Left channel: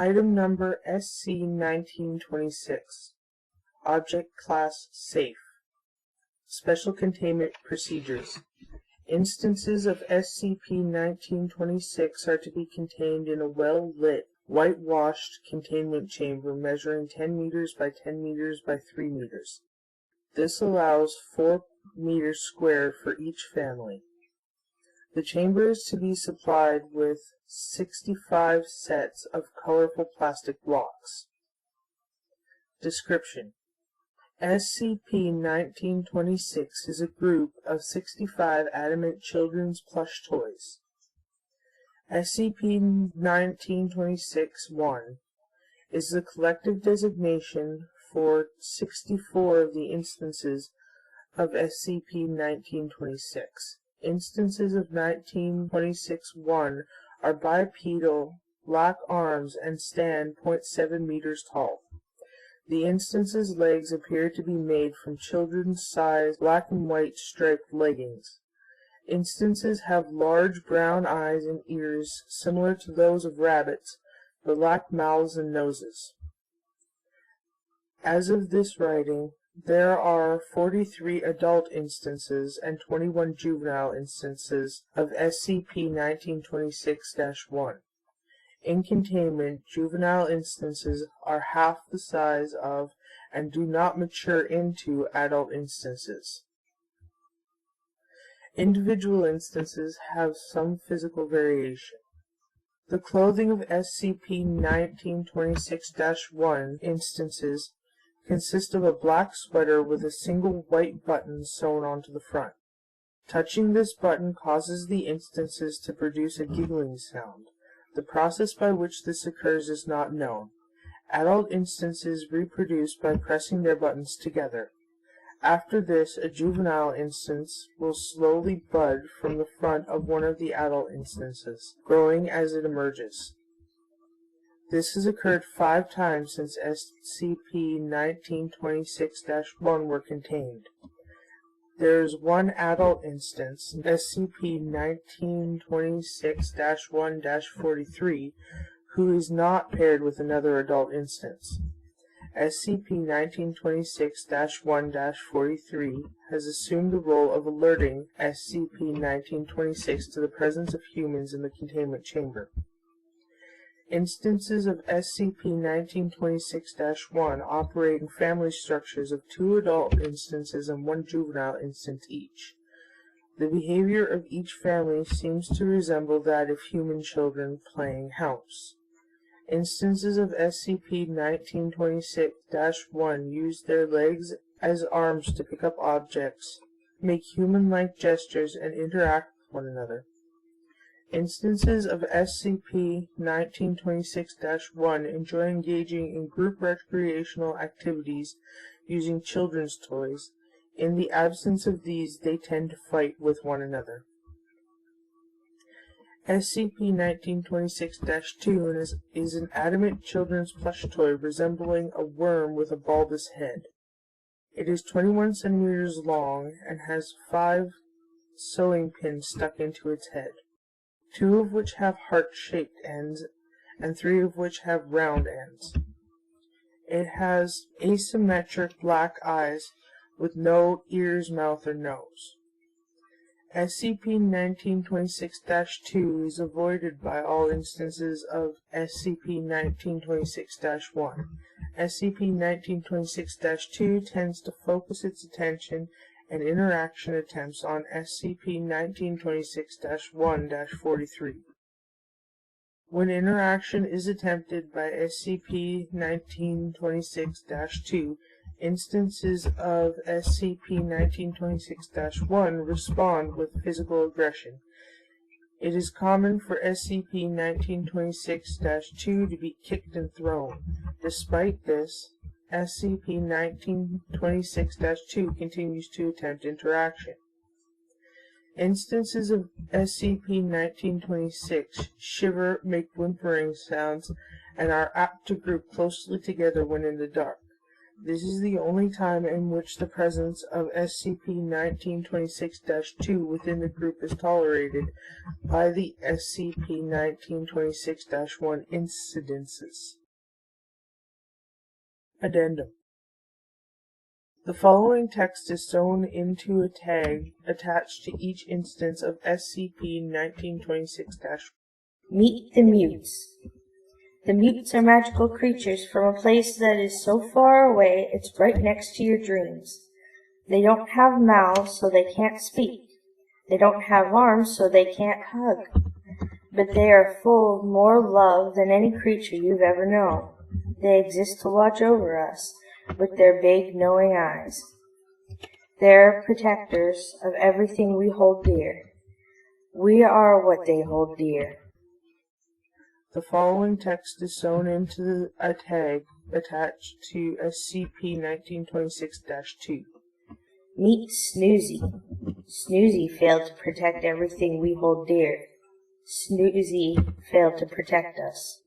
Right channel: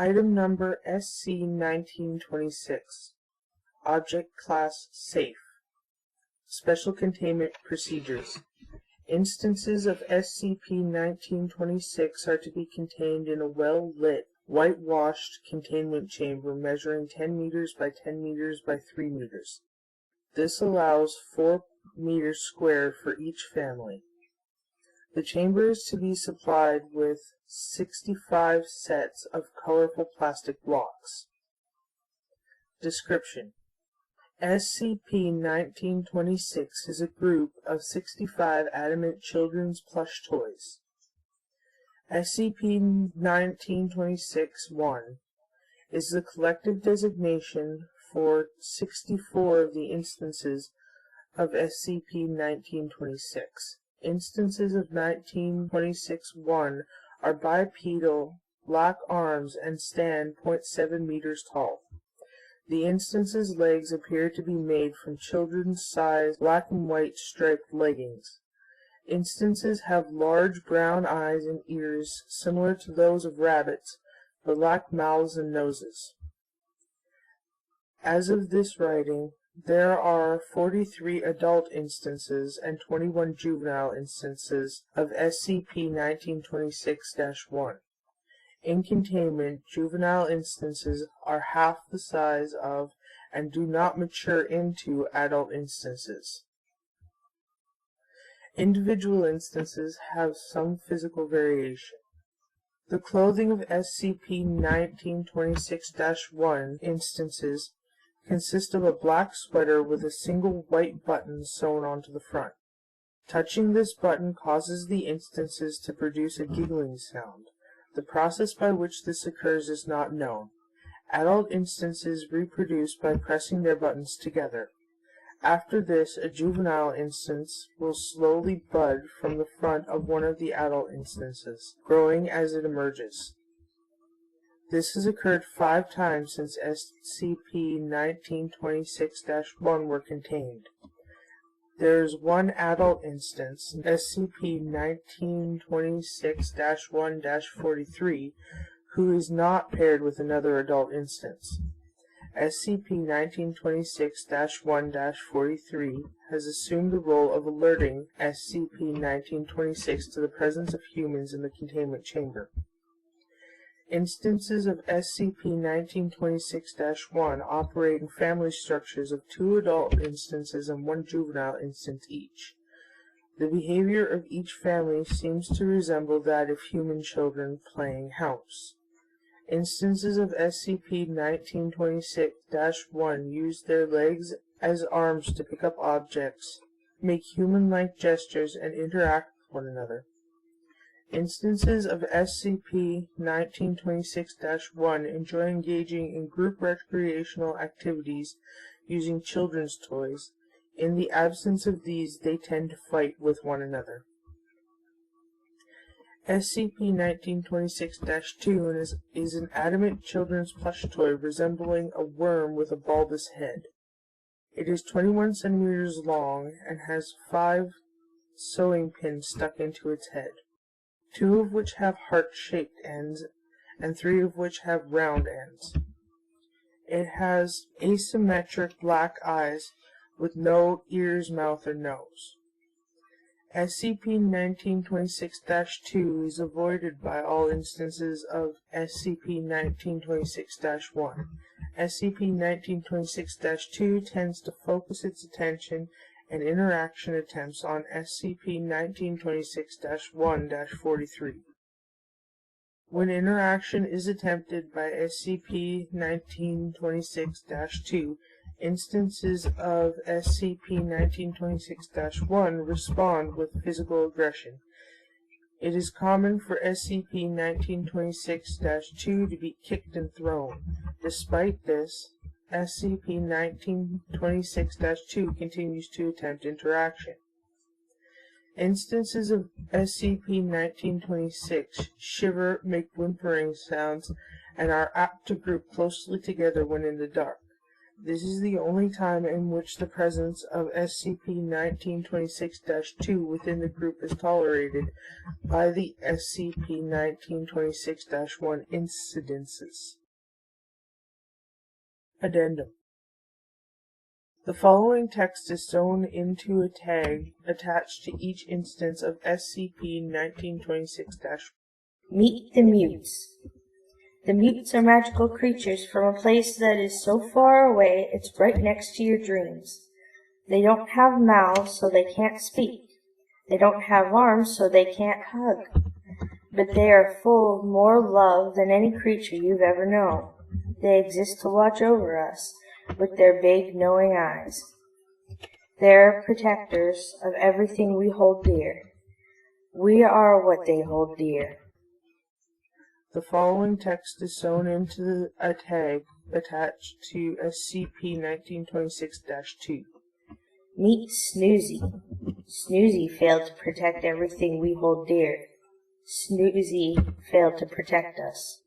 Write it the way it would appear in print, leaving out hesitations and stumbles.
Item number SC-1926. Object Class Safe. Special Containment Procedures. Instances of SCP-1926 are to be contained in a well-lit, whitewashed containment chamber measuring 10 meters by 10 meters by 3 meters. This allows 4 meters squared for each family. The chamber is to be supplied with 65 sets of colorful plastic blocks. Description: SCP-1926 is a group of 65 adamant children's plush toys. SCP-1926-1 is the collective designation for 64 of the instances of SCP-1926. Instances of 1926-1 are bipedal, black arms, and stand 0.7 meters tall. The instance's legs appear to be made from children's size black and white striped leggings. Instances have large brown eyes and ears similar to those of rabbits, but lack mouths and noses. As of this writing, there are 43 adult instances and 21 juvenile instances of SCP-1926-1. In containment, juvenile instances are half the size of and do not mature into adult instances. Individual instances have some physical variation. The clothing of SCP-1926-1 instances consists of a black sweater with a single white button sewn onto the front. Touching this button causes the instances to produce a giggling sound. The process by which this occurs is not known. Adult instances reproduce by pressing their buttons together. After this, a juvenile instance will slowly bud from the front of one of the adult instances, growing as it emerges. This has occurred 5 times since SCP-1926-1 were contained. There is one adult instance, SCP-1926-1-43, who is not paired with another adult instance. SCP-1926-1-43 has assumed the role of alerting SCP-1926 to the presence of humans in the containment chamber. Instances of SCP-1926-1 operate in family structures of 2 adult instances and 1 juvenile instance each. The behavior of each family seems to resemble that of human children playing house. Instances of SCP-1926-1 use their legs as arms to pick up objects, make human-like gestures, and interact with one another. Instances of SCP-1926-1 enjoy engaging in group recreational activities using children's toys. In the absence of these, they tend to fight with one another. SCP-1926-2 is an adamant children's plush toy resembling a worm with a bulbous head. It is 21 centimeters long and has 5 sewing pins stuck into its head, 2 of which have heart-shaped ends, and 3 of which have round ends. It has asymmetric black eyes with no ears, mouth, or nose. SCP-1926-2 is avoided by all instances of SCP-1926-1. SCP-1926-2 tends to focus its attention and interaction attempts on SCP-1926-1-43. When interaction is attempted by SCP-1926-2, instances of SCP-1926-1 respond with physical aggression. It is common for SCP-1926-2 to be kicked and thrown. Despite this, SCP-1926-2 continues to attempt interaction. Instances of SCP-1926 shiver, make whimpering sounds, and are apt to group closely together when in the dark. This is the only time in which the presence of SCP-1926-2 within the group is tolerated by the SCP-1926-1 incidences. Addendum. The following text is sewn into a tag attached to each instance of SCP-1926-1. Meet the mutes. The mutes are magical creatures from a place that is so far away it's right next to your dreams. They don't have mouths, so they can't speak. They don't have arms, so they can't hug. But they are full of more love than any creature you've ever known. They exist to watch over us with their big, knowing eyes. They are protectors of everything we hold dear. We are what they hold dear. The following text is sewn into a tag attached to SCP-1926-2. Meet Snoozy. Snoozy failed to protect everything we hold dear. Snoozy failed to protect us.